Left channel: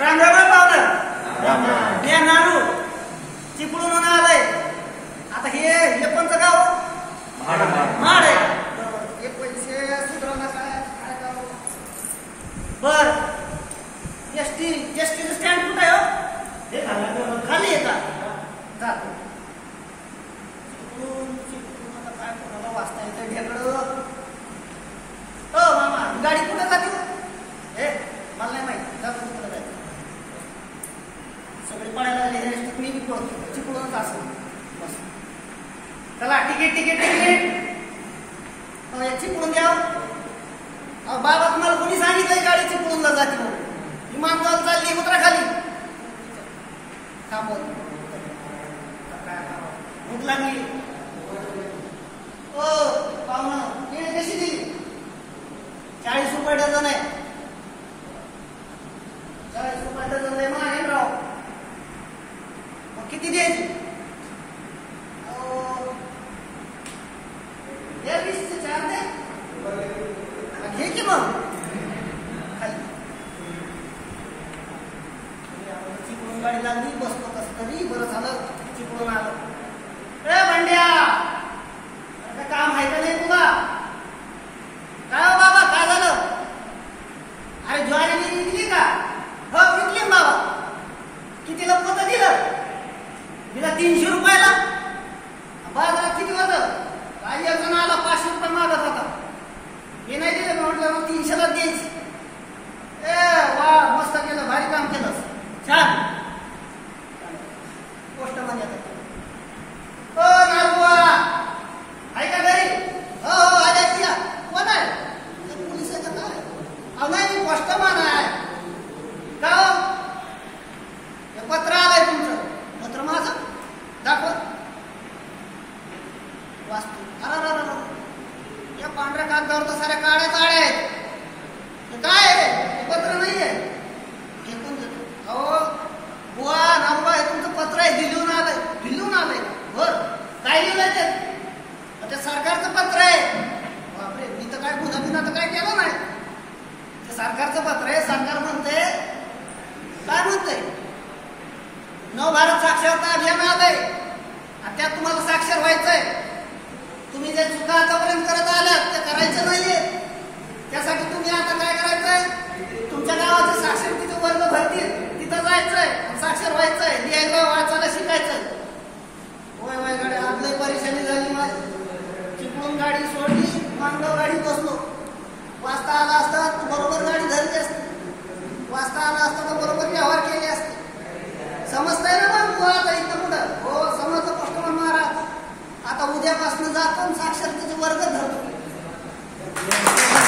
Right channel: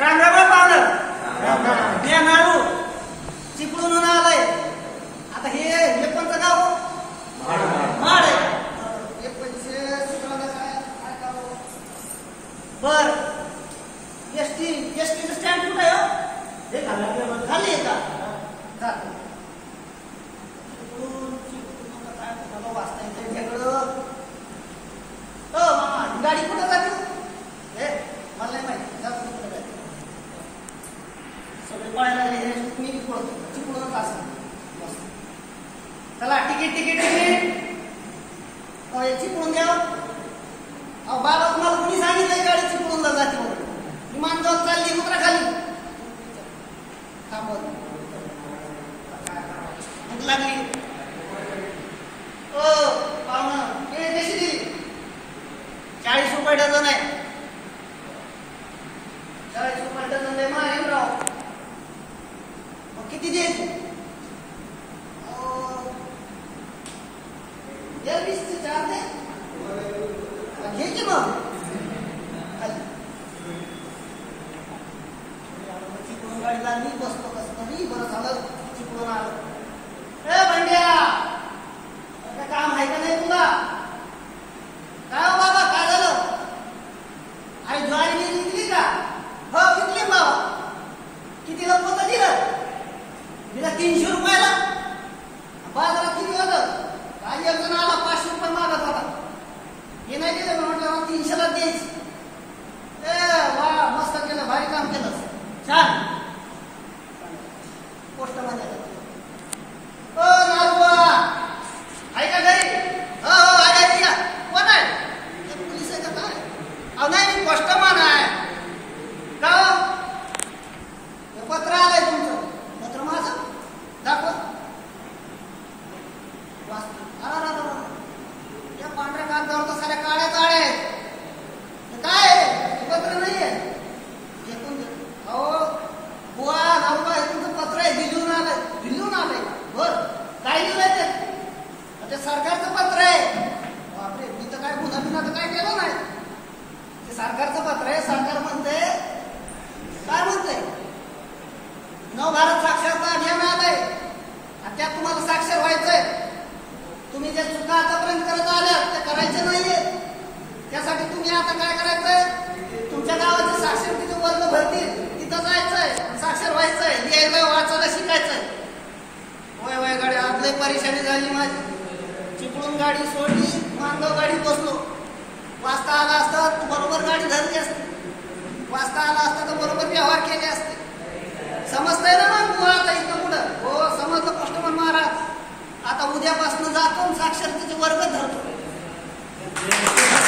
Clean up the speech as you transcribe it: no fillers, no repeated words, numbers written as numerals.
रांगरावळ पावलं हे नारू चिपळून आलंय. आता हे कोणतं गाव माड आहे. हे पैसे सुधारला काय काय गाव बर. एसटीचं स्टँड कुठं आहे हो? खाली येतात जातो काय कोणाला वाचता येतं ढेकळं. हो मामा गाडी कुठं जाते हे मला नाही माहिती. जातो कुठं जायचं सगळे पडायला लागले. मी बी पळतो चिपळूनच असं बस. चला तिकीट तिकीट तिकीट चिपळून द्या. अहो बाबा तुम्हाला कोणी सांगितलं गाडी चिपळूनला जाते म्हणून? विमानतळ चालली उतरा खाली. थांबव भूक लागली. ओ पाहुणं केळी कशी दिली? 40 रुपये डझन आहे. 40 रुपये डझन आहे माहीमराव. मग किती द्यायची? 20चे 4 दे. घे की मग खाली. चिपळून गाडी लागली बसतो कस तरी बरं झालं चिपळून आलं. ए भांड्या काम आहे का नाही तुला? काय हो बाबा काय झालं? अरे ज्वारी विकली का? हो विकली बाबा. कितीला पोतं दिलं? दिला 300 रुपयाला. बाजारात किती होतं? काही एक जण आला 500 रुपये मागत होता. हे नाही दिलं म्हटलं 300ला द्यायची. ए वा मस्त केलं भारी काम केलं छान. पोस्ट मध्ये ओ नारबुवा आहे का घरी? हो हो आहे या. कोण आहे? पोलीस आहे का काय? अहो नाही मी पोस्टमन आहे. का हो? हे पत्र आलंय तुमचं. पत्र माझं दाखव वाचतो. अरे या पांढऱ्या कागदावर तर साऱ्या काळ्या काळ्या आहेत. हे काय आहे? हे पत्र नाही आहे. हे कोण देतो? अहो बुवा नारबुवा हे तुमचं पत्र आहे. दिल्लीहून आलंय. दिल्लीहून आलंय बर. काय लिहिलंय ते सरकारचं पत्र आहे. बापरे मी तर काय गुन्हा बिना तर काय केलं नाही. ते सरकारचं पत्र आहे. सरकार म्हणते काय म्हणते? नवभारत साक्षरता अभियान आलंय आणि त्यात तुम्हाला साक्षर व्हायचंय. तुम्ही जे चुका आतापर्यंत करत आल्यात ते करायचे नाहीये. त्यासाठी तुम्ही आता काय करायचंय? तुमच्या गावाचे साक्षरतेचे वर्ग भरतील तिथं जायचंय. साक्षर व्हायचंय. लिहायला वाचायला शिकायचंय. होय होय गाडी आज लय परेशानी झाली माझी. चिपळून गाडी सोडली मानगाव गाडी बसलो. वाचता आला असता तू बरोबर गाडी धरली असते. वाचता आला असता तर बरोबर व्यवहार केले असते. समजतंय ना मग तू आता इथं कुठं? हो समजलं पोस्टमन महाराज. आता उद्यापासून जातो साक्षर